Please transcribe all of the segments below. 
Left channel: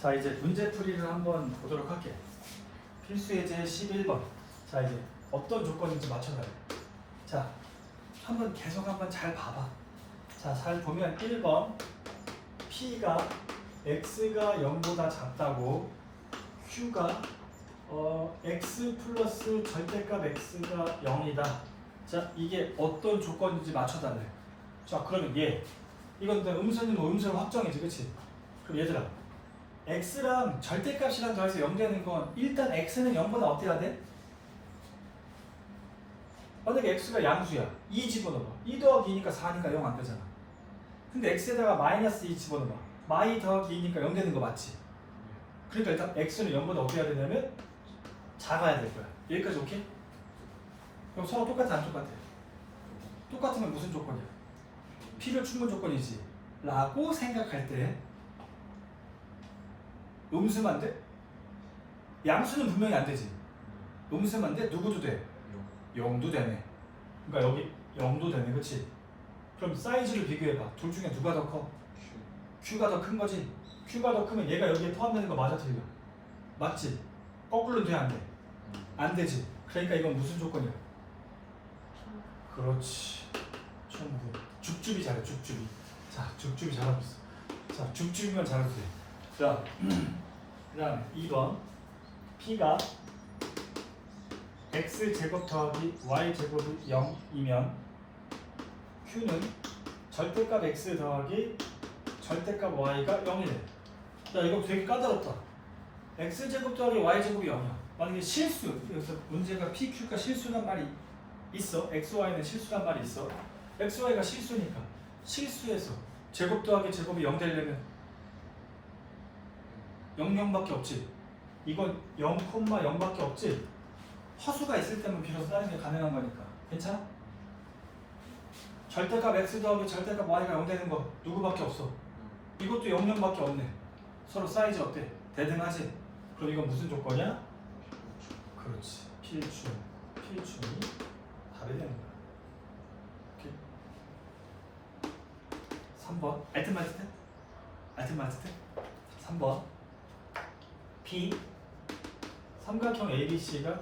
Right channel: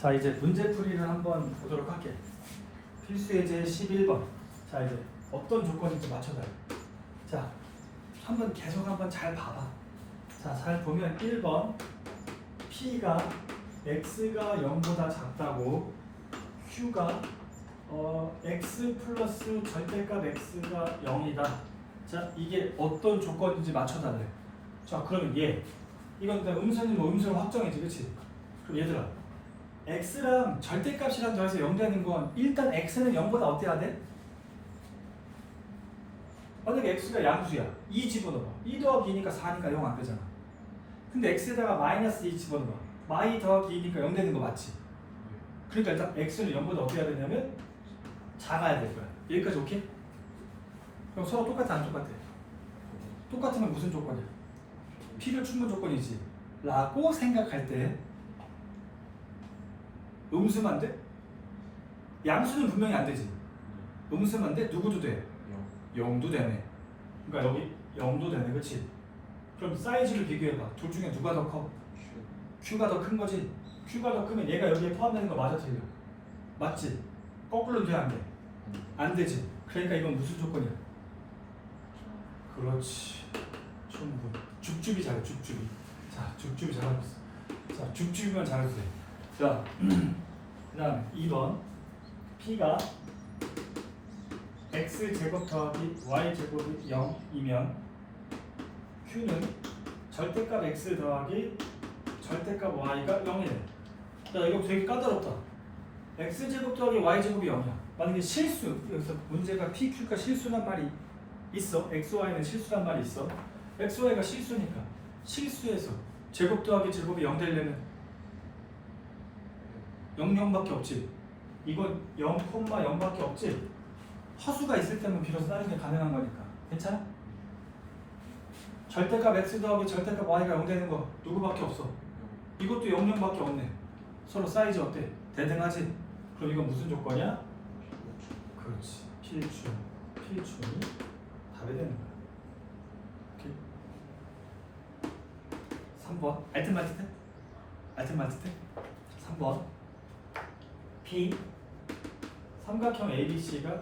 자 이제 문제풀이를 한번 보도록 할게. 필수 예제 11번. 자 이제 어떤 조건인지 맞춰봐요. 자 한번 계속 한번 잘 봐봐. 자 잘 보면 1번 P가 X가 0보다 작다고 Q가 어, X 플러스 절대값 X가 0이다. 자 이게 어떤 조건인지 맞춰달래. 자 그러면 얘 이건 그냥 음선이면 음선 확정이지 그치? 그럼 얘들아 x랑 절대값이랑 더해서 0 되는 건 일단 x는 0보다 어때야 돼? 만약에 x가 양수야 2 집어넣어봐 2 더하기 2니까 4니까 0 안 되잖아 근데 x에다가 마이너스 2 집어넣어봐 마이 더하기 2니까 0 되는 거 맞지? 그러니까 일단 x는 0보다 어떻게 해야 되냐면 작아야 될 거야 여기까지 오케이? 그럼 서로 똑같아 안 똑같아? 똑같으면 무슨 조건이야? 필요 충분 조건이지 라고 생각할 때 음수만 돼? 양수는 분명히 안 되지 음수만 돼? 누구도 돼? 0도 되네 그러니까 여기 0도 되네 그치? 그럼 사이즈를 비교해봐 둘 중에 누가 더 커? Q가 더 큰 거지 Q가 더 크면 얘가 여기에 포함되는 거 맞아 틀려? 맞지? 거꾸로 돼안 돼? 안 되지 그러니까 이건 무슨 조건이야? 그렇지 충분 죽줍이 잘해 죽줍이 자 죽줍이 잘하고 있어 자 죽줍이만 잘해도 돼 자 그 다음에 2번. P가 X제곱 더하기 Y제곱이 0이면 Q는 절대값 X 더하기 절대값 Y가 0이래 자 이거 되게 까다롭다. X제곱 더하기 Y제곱이 0이야. 만약에 실수 여기서 문제가 PQ가 실수란 말이 있어. XY는 실수란 말이 있어. XY가 실수니까 실수해서 제곱 더하기 제곱이 0 되려면 0, 0밖에 없지. 이건 0, 0밖에 없지. 허수가 있을 때만 비로소 다른 게 가능한 거니까. 괜찮아? 절대값 x 더하기 절대값 y가 0 되는 거 누구밖에 없어? 이것도 0, 0밖에 없네. 서로 사이즈 어때? 대등하지? 그럼 이건 무슨 조건이야? 그렇지. 필충 필충이 답이 되는 거야. 오케이. 3번. 알트마티테 알트마티테 3번 B. 삼각형 ABC가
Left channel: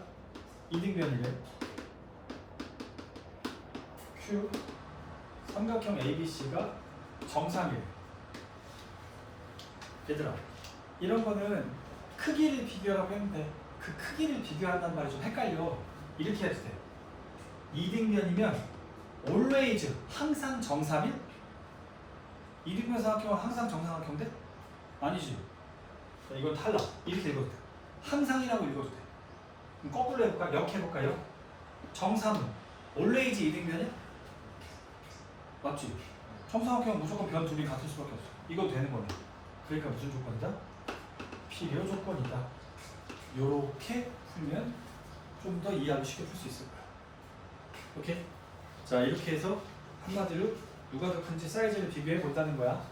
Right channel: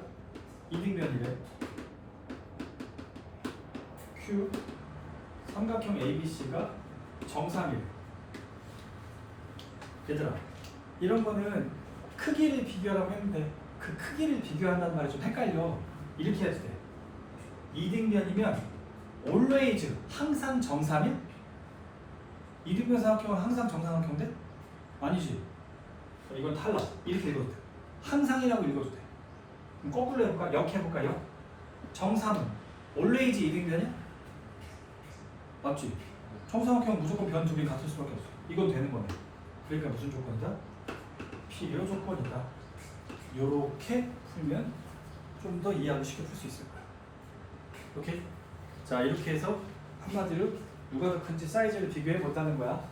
이등변이래. Q. 삼각형 ABC가 정상이래. 얘들아 이런 거는 크기를 비교하라고 했는데 그 크기를 비교한단 말이 좀 헷갈려. 이렇게 해도 돼. 이등변이면 always 항상 정삼일? 이등변 삼각형은 항상 정삼각형 돼? 아니지 이건 탈락 이렇게 읽어도 돼 항상이라고 읽어도 돼 그럼 거꾸로 해볼까? 역 해볼까요? 정삼은 always 이등변이야? 맞지? 정삼각형은 무조건 변 둘이 같을 수밖에 없어 이건 되는 거네 그러니까 무슨 조건이다? 필요 조건이다 요렇게 풀면 좀 더 이해하기 쉽게 풀 수 있을 거야 오케이? 자 이렇게 해서 한마디로 누가 더 큰지 사이즈를 비교해 본다는 거야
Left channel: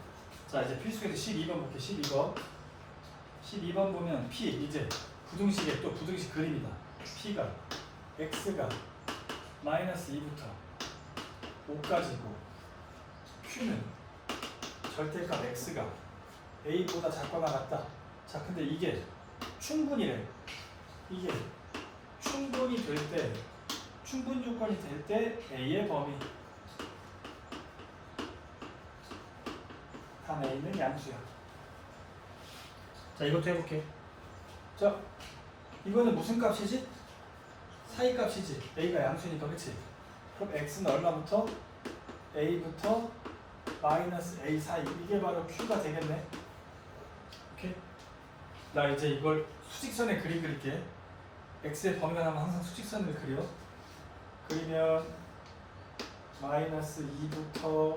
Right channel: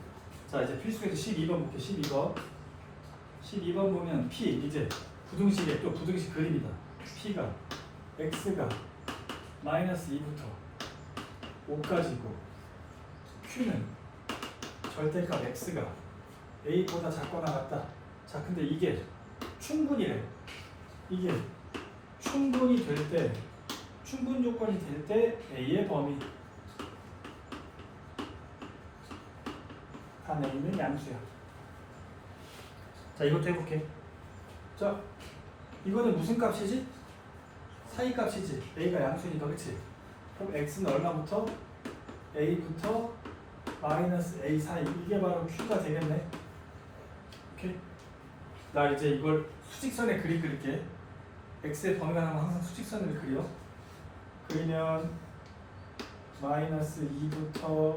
자 이제 필수에서 12번 볼게 12번 12번 보면 P 이제 부등식에 또 부등식 그림이다. P가 X가 마이너스 2부터 5까지고 Q는 절대값 X가 A보다 작거나 같다. 자 근데 이게 충분이래. 이게 충분히 될때 충분 조건이 될 때 A의 범위. 단 A는 양수야 자 이것도 해볼게 자 이거는 무슨 값이지? 사이 값이지 A가 양수니까 그치? 그럼 X는 얼마부터? A부터 마이너스 A 사이 이게 바로 Q가 되겠네 오케이? 나 이제 이걸 수직선에 그림 그릴게 X의 범위가 나면 항상 수직선을 그려 그리면 마이너스 2부터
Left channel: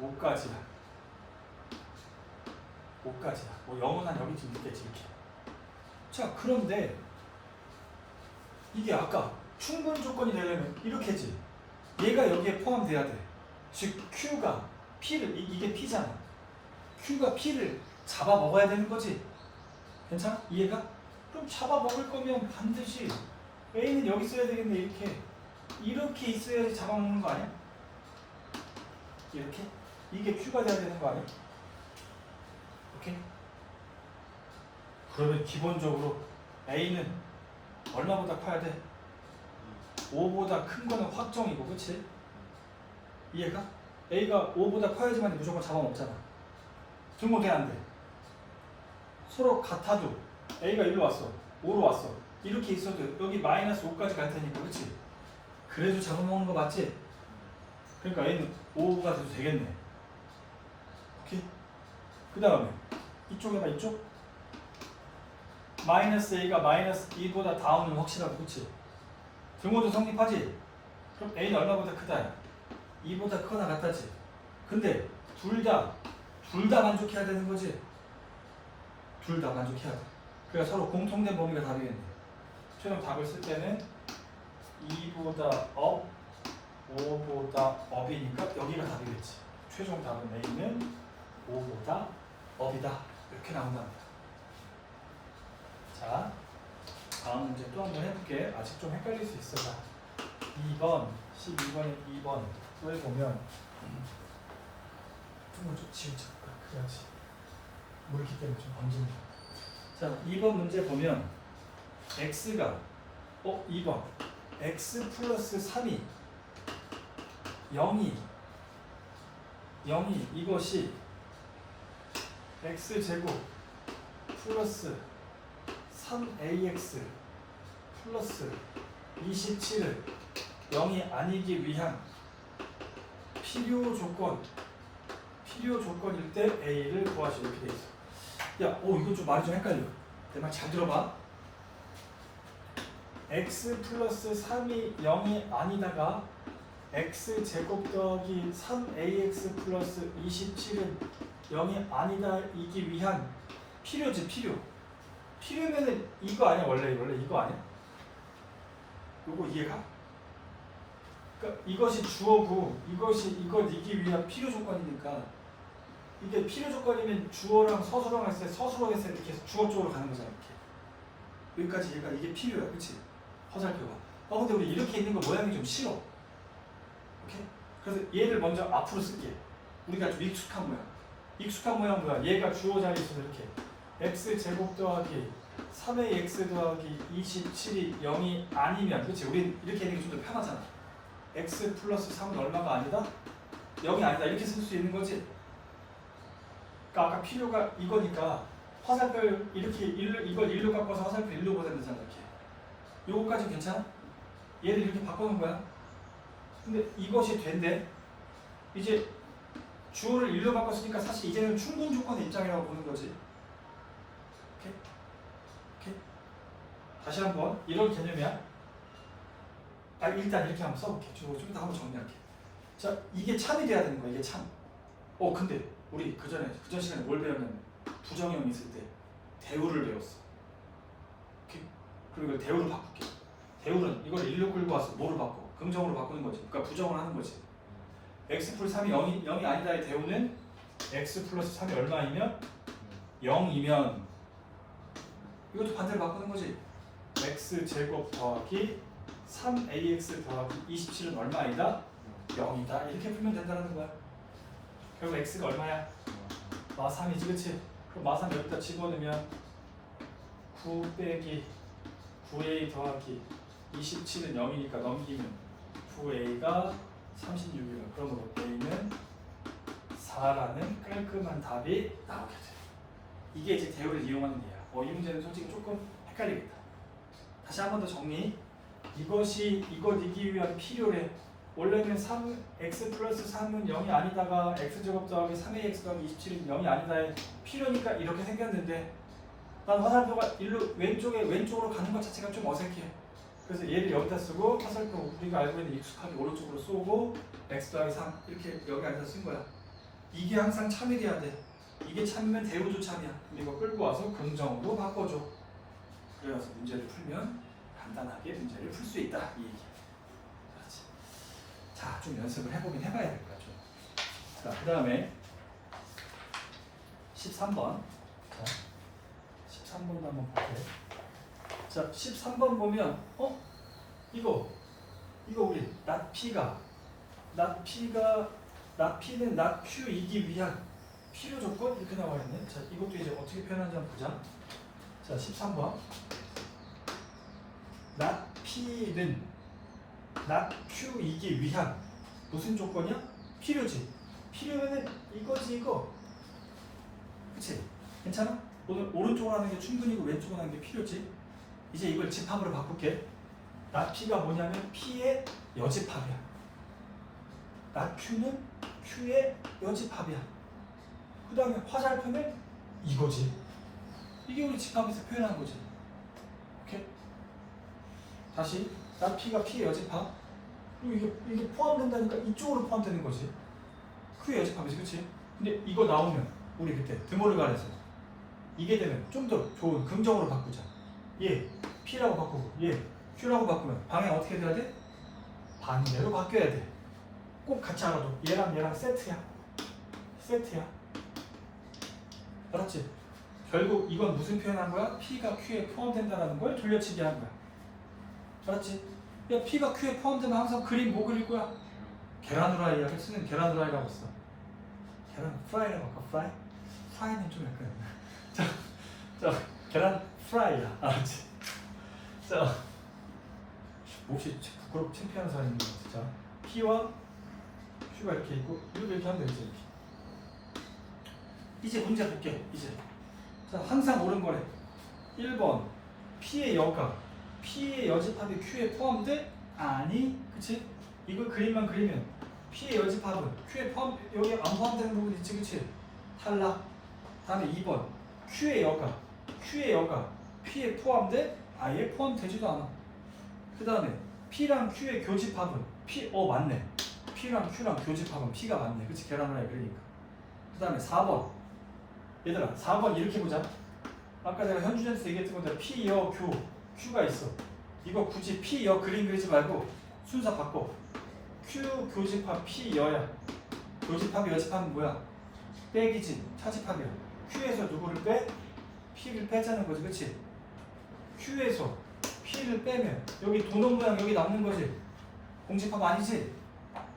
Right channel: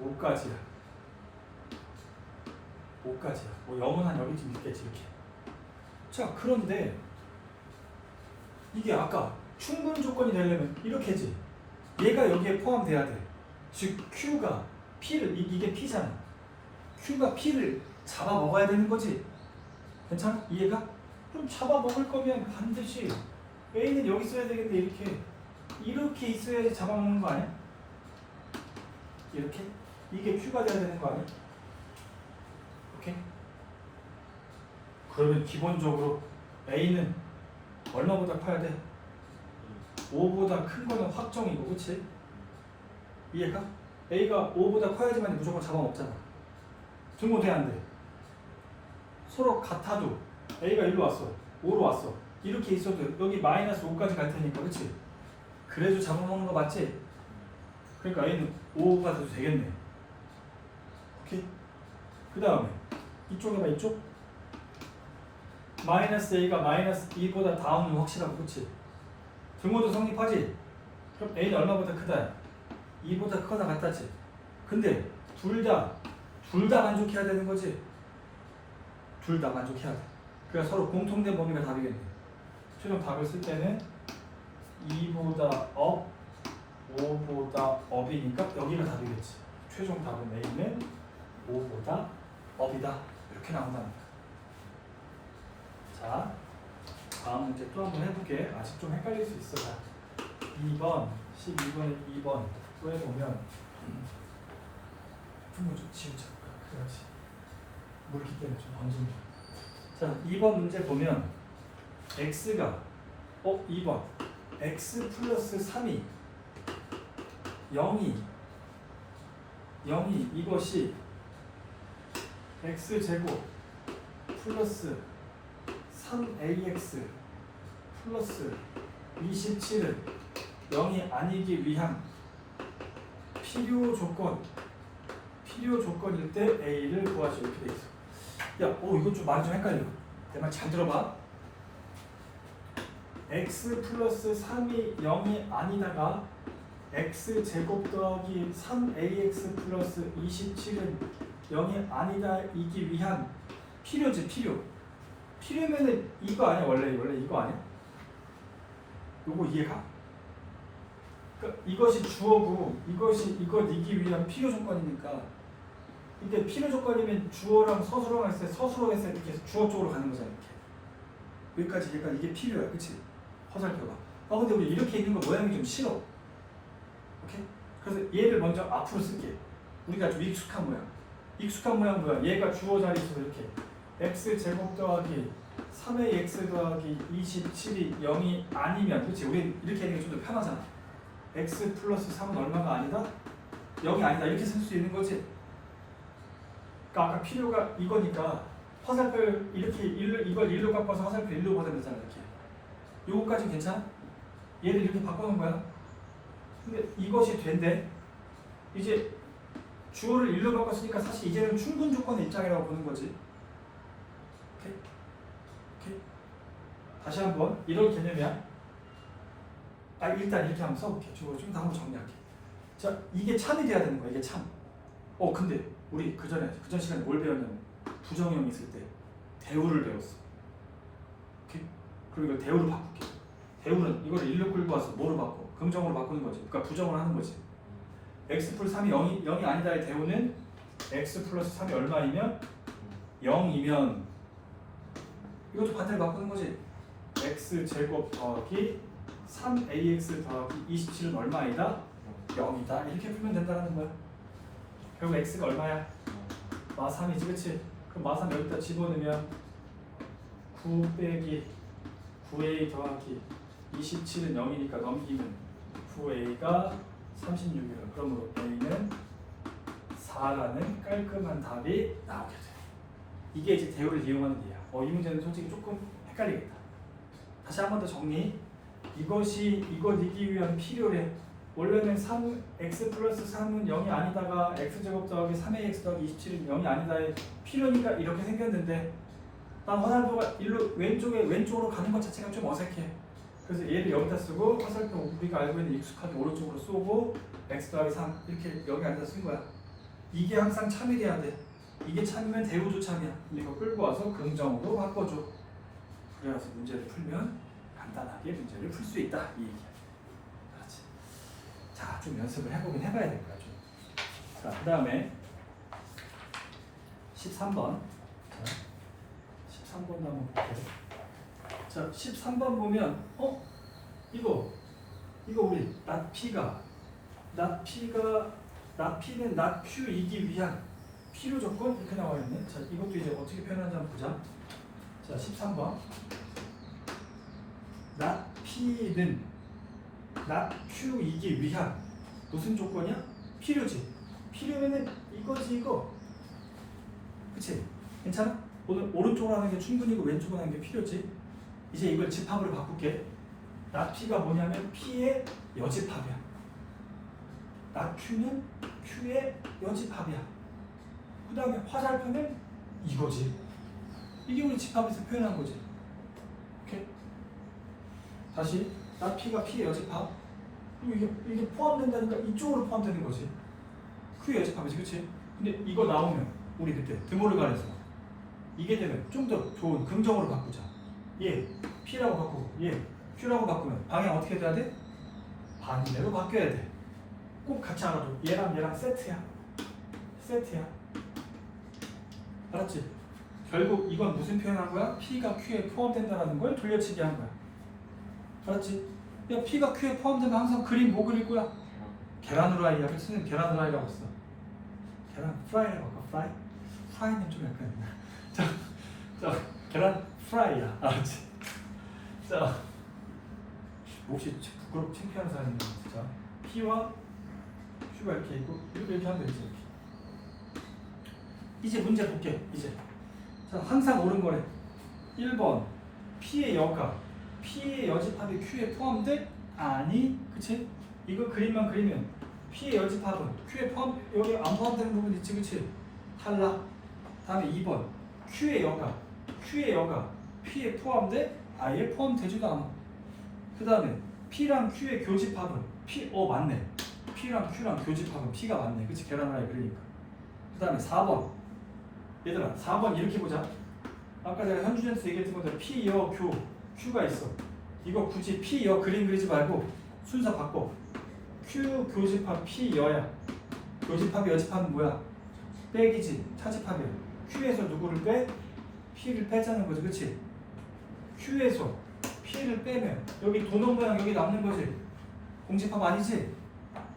5까지야 5까지야 뭐 0은 한 여기쯤 있겠지 이렇게 자 그런데 이게 아까 충분 조건이 되려면 이렇게지 얘가 여기에 포함돼야 돼 즉 Q가 P를 이, 이게 P잖아 Q가 P를 잡아 먹어야 되는 거지 괜찮아? 이해가? 그럼 잡아 먹을 거면 반드시 A는 여기 있어야 되겠네 이렇게 이렇게 있어야지 잡아 먹는 거 아니야? 이렇게? 이게 Q가 돼야 되는 거 아니야? 오케이? 그러면 기본적으로 A는 얼마보다 커야 돼? 5보다 큰 거는 확정이고 그치? 이해가? A가 5보다 커야지만 무조건 잡아먹잖아 등호 돼안 돼? 서로 같아도 A가 1로 왔어 5로 왔어 이렇게 있어도 여기 마이너스 5까지 갈 테니까 그치? 그래도 잡아먹는 거 맞지? 그러니까 A는 5가 돼도 되겠네 오케이? 그 다음에 이쪽에 봐 이쪽 마이너스 A가 마이너스 2보다 다운은 확실하고 그치? 등호도 성립하지? 그럼 A는 얼마보다 크다? 2보다 크거나 같다지? 근데 둘 다, 둘 다 만족해야 되는 거지? 둘 다 만족해야 돼. 그래서 서로 공통된 범위가 답이겠네. 최종 답을 쓸 때는 2보다 업, 5보다 업이니까 여기가 답이겠지. 최종 답은 A는 5보다 업이다. 이렇게 나온답니다. 자, 다음 문제 또 한번 해볼게. 아직 좀 헷갈릴 수 있어. 자, 2번, 12번에 2번 또 해보면 좀좀 지우자. 그래야지. 물기 때문에 좀 번집니다. 자, 2번 문제 보면 x가 어 2번 x 플러스 3이 0이 0이 이것이 x 제곱 플러스 3ax 플러스 27은 0이 아니기 위한 필요 조건 필요 조건일 때 a를 구하시 이렇게 돼 있어. 야, 오 이거 좀 말이 좀 헷갈려. 내 말 잘 들어봐. x 플러스 3이 0이 아니다가 x 제곱 더하기 3ax 플러스 27은 0이 아니다 이기 위한 필요지 필요. 필요면은 이거 아니야 원래 원래 이거 아니야? 요거 이해가? 그러니까 이것이 주어고 이것이 이걸 이기 위한 필요 조건이니까 이게 필요 조건이면 주어랑 서술어가 있을 때 서술어가 있을 때 이렇게 주어 쪽으로 가는 거잖아 이렇게 여기까지 얘가 이게 필요야 그치? 화살표가 아 근데 우리 이렇게 있는 거 모양이 좀 싫어 오케이? 그래서 얘를 먼저 앞으로 쓸게 우리가 좀 익숙한 모양 익숙한 모양 뭐야? 얘가 주어 자리에 있어서 이렇게 x 제곱 더하기 3의 x 더하기 27이 0이 아니면 그치? 우리 이렇게 있는 게 좀 더 편하잖아 x 플러스 3은 얼마가 아니다? 0이 아니다 이렇게 쓸 수 있는 거지 그러니까 아까 필요가 이거니까 화살표를 이렇게 일로, 이걸 일로 바꿔서 화살표 일로 보내야 되잖아 이렇게 요거까지 괜찮아? 얘를 이렇게 바꿔놓은 거야 근데 이것이 된대 이제 주어를 일로 바꿨으니까 사실 이제는 충분 조건의 입장이라고 보는 거지 오케이? 오케이? 다시 한번 이런 개념이야 아 일단 이렇게 한번 써볼게 주어 좀 더 한번 정리할게 자 이게 참이 돼야 되는 거야 이게 참 어 근데 우리 그 전에 그전 시간에 뭘 배웠냐면 부정형 있을 때 대우를 배웠어. 오케이? 그럼 이걸 대우로 바꿀게. 대우는 이거를 일로 끌고 와서 뭐로 바꿔? 긍정으로 바꾸는 거지. 그러니까 부정을 하는 거지. X 플러스 3이 0이, 0이 아니다의 대우는 x 플러스 3이 얼마이면 0이면 이것도 반대로 바꾸는 거지. x 제곱 더하기 3ax 더하기 27은 얼마이다? 0이다. 이렇게 풀면 된다는 거야. 결국 x가 얼마야? 마 3이지 그치? 그럼 마 3 여기다 집어넣으면 9 빼기 9a 더하기 27은 0이니까 넘기면 9a가 36이야 그러므로 a는 4라는 깔끔한 답이 나오게 돼 이게 이제 대우를 이용하는 데야. 어, 이 문제는 솔직히 조금 헷갈리겠다. 다시 한 번 더 정리. 이것이 이걸 이기 위한 필요래. 원래는 3, x 플러스 3은 0이 아니다가 x제곱 더하기 3ax 더하기 27은 0이 아니다의 필요니까 이렇게 생겼는데 난 화살표가 일로 왼쪽에 왼쪽으로 가는 것 자체가 좀 어색해 그래서 얘를 여기다 쓰고 화살표 우리가 알고 있는 익숙하게 오른쪽으로 쏘고 x 더하기 3 이렇게 여기 앉아서 쓴 거야 이게 항상 참이 돼야 돼 이게 참이면 대우도 참이야 이거 끌고 와서 긍정으로 바꿔줘 그래서 문제를 풀면 간단하게 문제를 풀 수 있다 이 얘기야 알았지? 자, 좀 연습을 해보긴 해봐야 될 거야, 좀. 자, 그 다음에 13번. 자, 13번도 한번 볼게요. 자, 13번 보면, 어? 이거, 이거 우리 낫 P는 낫 Q이기 위한 필요 조건? 이렇게 나와 있네. 자, 이것도 이제 어떻게 표현하는지 한번 보자. 자 13번 나 P는 나 Q이기 위한 무슨 조건이야? 필요지 필요면은 이거지 이거 그치? 괜찮아? 오늘 오른쪽으로 하는 게 충분히고 왼쪽으로 하는 게 필요지 이제 이걸 집합으로 바꿀게. 나 P가 뭐냐면 P의 여집합이야. 나 Q는 Q의 여집합이야. 그 다음에 화살표는 이거지. 이게 우리 집합에서 표현한 거지. 오케이? 다시. 나 P가 P의 여집합. 그리고 이게, 이게 포함된다니까 이쪽으로 포함되는 거지. Q의 여집합이지 그치? 근데 이거 나오면 우리 그때 드모를 가려서 이게 되면 좀 더 좋은 긍정으로 바꾸자 얘 P라고 바꾸고 얘 Q라고 바꾸면 방향 어떻게 돼야 돼? 반대로 바뀌어야 돼. 꼭 같이 알아도 얘랑 얘랑 세트야. 세트야. 알았지? 결국 이건 무슨 표현한 거야? P가 Q에 포함된다라는 걸 돌려치기 한 거야. 알았지? 야 P가 Q에 포함되면 항상 그림 뭐 그릴 거야? 계란 후라이야. 그 쓰는 계란 후라이라고 써. 계란 프라이라고 할까? 프라이? 프라이는 좀 약간 자, 자 계란 프라이야. 알았지? 자 혹시 부끄럽고 창피한 사람이 있는 진짜 P와 Q가 이렇게 있고 이것도 이렇게 하면 되지 이렇게 이제 문제 볼게 이제 자 항상 옳은 거래 1번 P의 여가 P의 여집합이 Q에 포함돼? 아니 그치? 이거 그림만 그리면 P의 여집합은 Q에 포함 여기 안 포함되는 부분 있지 그치? 탈락 다음에 2번 Q의 여가 Q의 여가 P에 포함돼? 아예 포함되지도 않아. 그 다음에 P랑 Q의 교집합은 P 어 맞네. P랑 Q랑 교집합은 P가 맞네. 그치? 계란후라이 그러니까. 그 다음에 4번. 얘들아 4번 이렇게 보자. 아까 내가 현준이한테 얘기했던 것대로 P, 여, 교, Q가 있어. 이거 굳이 P, 여 그림 그리지 말고 순서 바꿔. Q 교집합 P, 여야. 교집합이 여집합은 뭐야? 빼기지 차집합이야. Q에서 누구를 빼? P를 빼자는 거지. 그치? Q에서 P를 빼면 여기 도넛 모양 여기 남는 거지 공집합 아니지?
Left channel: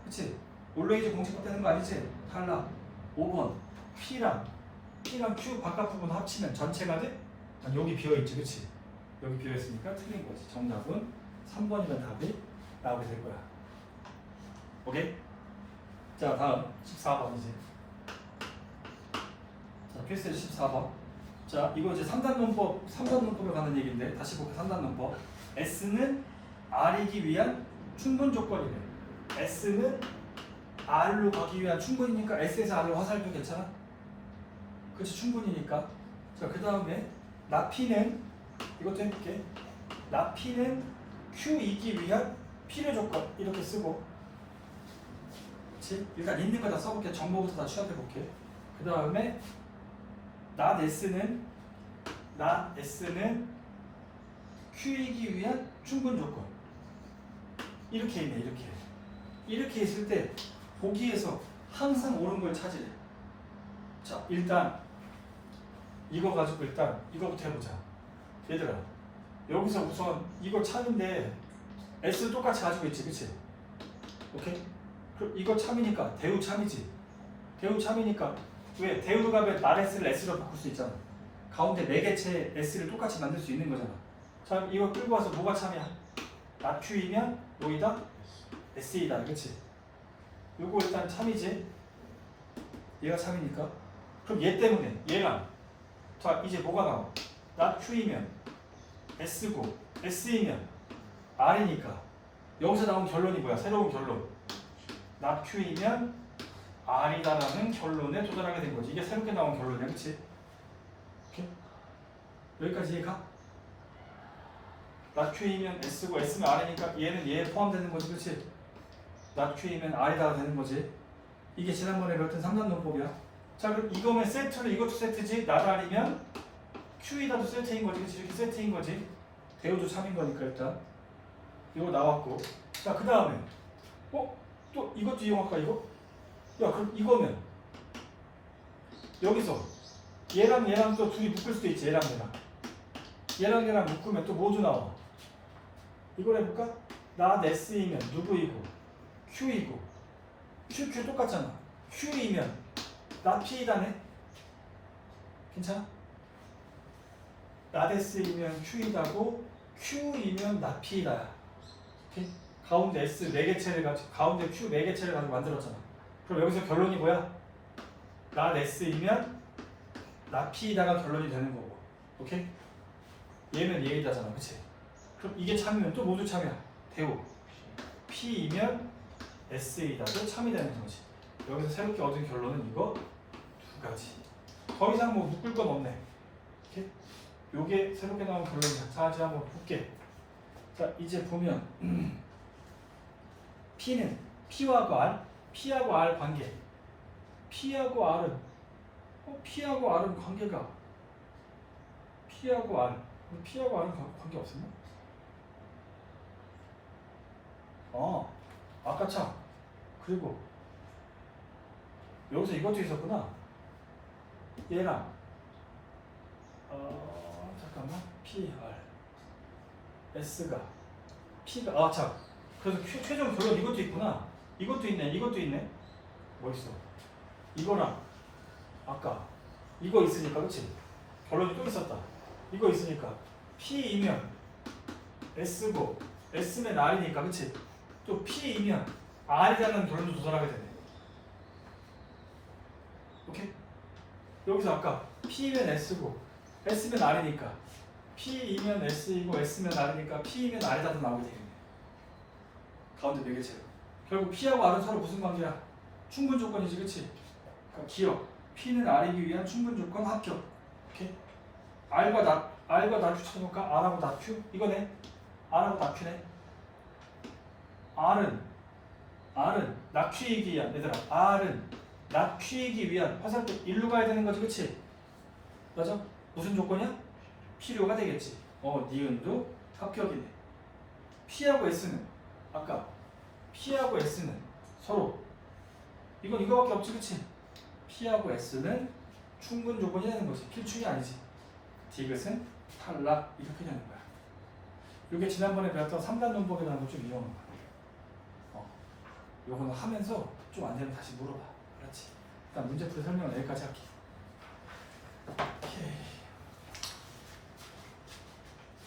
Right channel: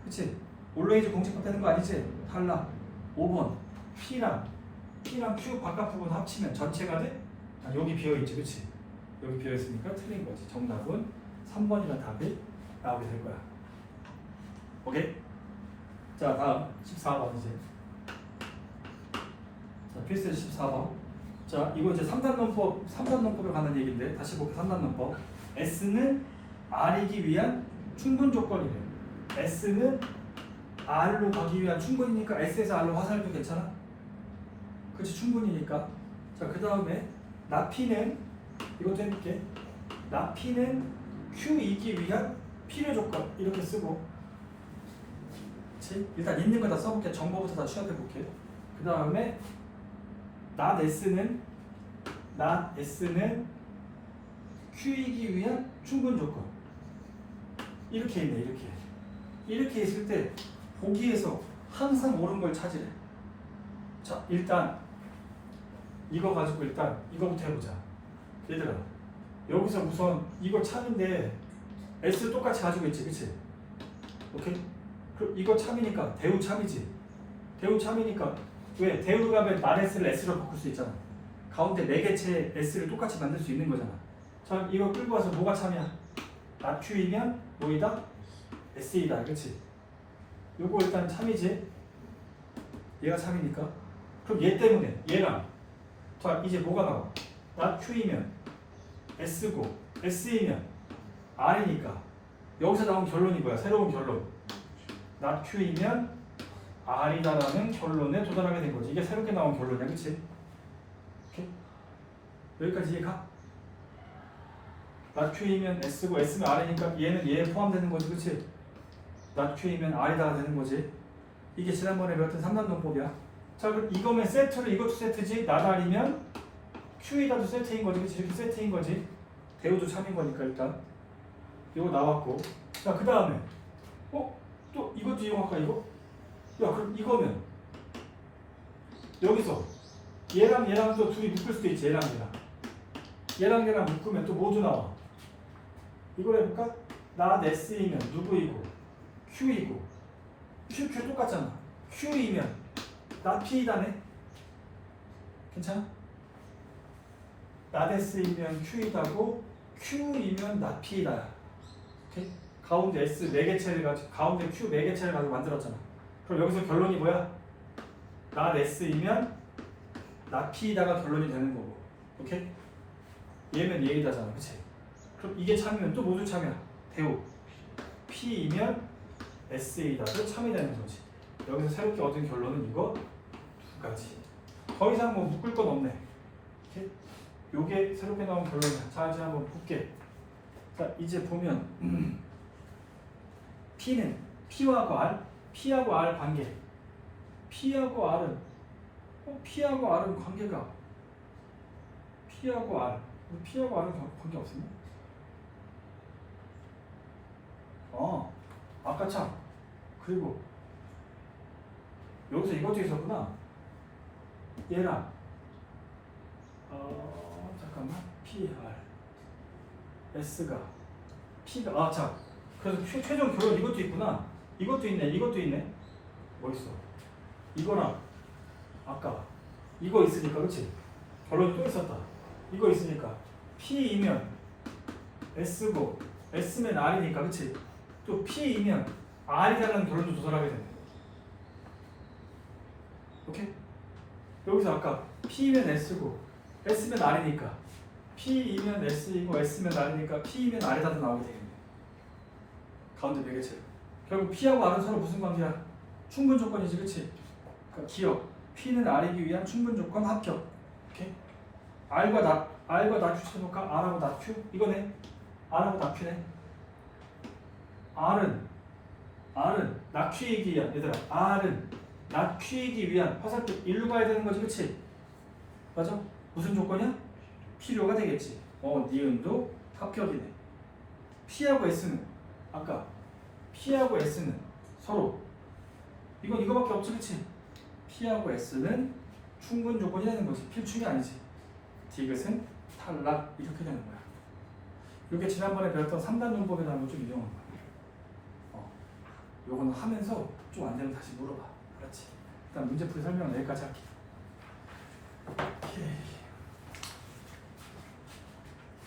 그치? 올레이즈 공집합 되는 거 아니지? 탈락 5번 P랑 P랑 Q 바깥 부분 합치면 전체가 돼? 아니 여기 비어있지 그치? 여기 비어있으니까 틀린 거지 정답은 3번이면 답이 나오게 될 거야 오케이? 자 다음 14번 이제 자 필수 14번 자, 이거 이제 3단 논법, 3단 논법에 관한 얘기인데 다시 볼게요. 3단 논법. S는 R이기 위한 충분 조건이래. S는 R로 가기 위한 충분이니까 S에서 R로 화살표 괜찮아? 그렇지 충분이니까. 자, 그 다음에 나 P는 이것도 해볼게. 나 P는 Q이기 위한 필요 조건 이렇게 쓰고. 그렇지? 일단 있는 거 다 써볼게. 정보부터 다 취합해볼게. 그 다음에 나 S는 나 S는 Q이기 위한 충분 조건. 이렇게 있네 이렇게. 이렇게 있을 때 보기에서 항상 옳은 걸 찾으래. 자 일단 이거 가지고 일단 이거부터 해보자. 얘들아 여기서 우선 이거 참인데 S 똑같이 가지고 있지 그치? 오케이? 그럼 이거 참이니까 대우 참이지. 대우 참이니까 왜? 가면 마레스를 S로 바꿀 수 있잖아. 가운데 네 개체 S를 똑같이 만들 수 있는 거잖아. 자, 이거 끌고 와서 뭐가 참이야? 나 Q이면 노이다 SE다. 그치? 요거 일단 참이지? 얘가 참이니까. 그럼 얘 때문에 얘랑 자, 이제 뭐가 나와? 나 Q이면 S고 SE면 R이니까 여기서 나온 결론이 뭐야? 새로운 결론. 나 Q이면 R이다라는 결론에 도달하게 된 거지. 이게 새롭게 나온 결론이야? 오케이? 여기까지 이해가? 나 Q이면 S고 S면 R이니까 얘는 얘에 포함되는 거지, 그치? 나 Q이면 R이다가 되는 거지. 이게 지난번에 배웠던 3단 논법이야. 자, 그럼 이거면 세트로 이것도 세트지. 나다 R이면 Q이다도 세트인 거지, 그치? 이렇게 세트인 거지. 대우도 참인 거니까 일단. 이거 나왔고. 자, 그 다음에 어? 또 이것도 이용할까, 이거? 야 그럼 이거는 여기서 얘랑 얘랑 또 둘이 묶을 수도 있지 얘랑 얘랑 얘랑 얘랑 묶으면 또 모두 나와 이걸 해볼까? 나 S이면 누구이고 Q이고 Q, Q 똑같잖아 Q이면 나 P이다네 괜찮아? 나데스이면 Q이다고 Q이면 나 P이다. 오케이? 가운데 S 네 개체를 가지고 가운데 Q 네 개체를 가지고 만들었잖아. 그럼 여기서 결론이 뭐야? 나 S이면 나 P이다가 결론이 되는 거고. 오케이? 얘면 얘이다잖아. 그치? 그럼 이게 참이면 또 모두 참이야. 대우. P이면 S이다도 참이 되는 거지. 여기서 새롭게 얻은 결론은 이거 두 가지. 더 이상 뭐 묶을 건 없네. 오케이? 요게 새롭게 나온 결론이야. 자, 이제 한번 볼게. 자, 이제 보면 P는 P하고 R, P하고 R 관계. P하고 R은 어, P하고 R은 관계가 P하고 R. P하고 R은 관- 관계 없었나? 어, 아까 참. 그리고 여기서 이것도 있었구나. 얘랑 어, 잠깐만 P R S가 P가 아 참. 그래서 최- 최종 결론 이것도 있구나. 이것도 있네. 이것도 있네. 뭐 있어? 이거랑 아까 이거 있으니까 그치? 결론이 또 있었다. 이거 있으니까 P이면 S고 S면 R이니까 그치? 또 P이면 R이라는 결론도 도달하게 되네. 오케이? 여기서 아까 P면 S고 S면 R이니까 P이면 S이고 S면 R이니까 P이면 R이다도 나오게 되겠네. 가운데 네 개체로. 결국 P하고 R은 서로 무슨 관계야? 충분 조건이지, 그치? 그러니까 기억. P는 R이기 위한 충분 조건 합격. 오케이? R과 나, R과 나큐 쳐볼까? R하고 나큐? 이거네. R하고 나큐네. R은 R은 나큐이기 위한 얘들아 R은 나큐이기 위한 화살표 일로 가야 되는 거지 그치? 맞아? 무슨 조건이야? 필요가 되겠지 어 니은도 합격이네 P하고 S는 아까 P하고 S는 서로 이건 이거밖에 없지 그치? P하고 S는 충분 조건이 되는 거지 필충이 아니지 디귿은 탈락 이렇게 되는 거야 이게 지난번에 배웠던 3단 논법이라는 걸 좀 이용한 거야 어, 요거는 하면서 좀 안 되면 다시 물어봐. 그렇지. 일단 문제풀이 설명은 여기까지 할게요. 오케이.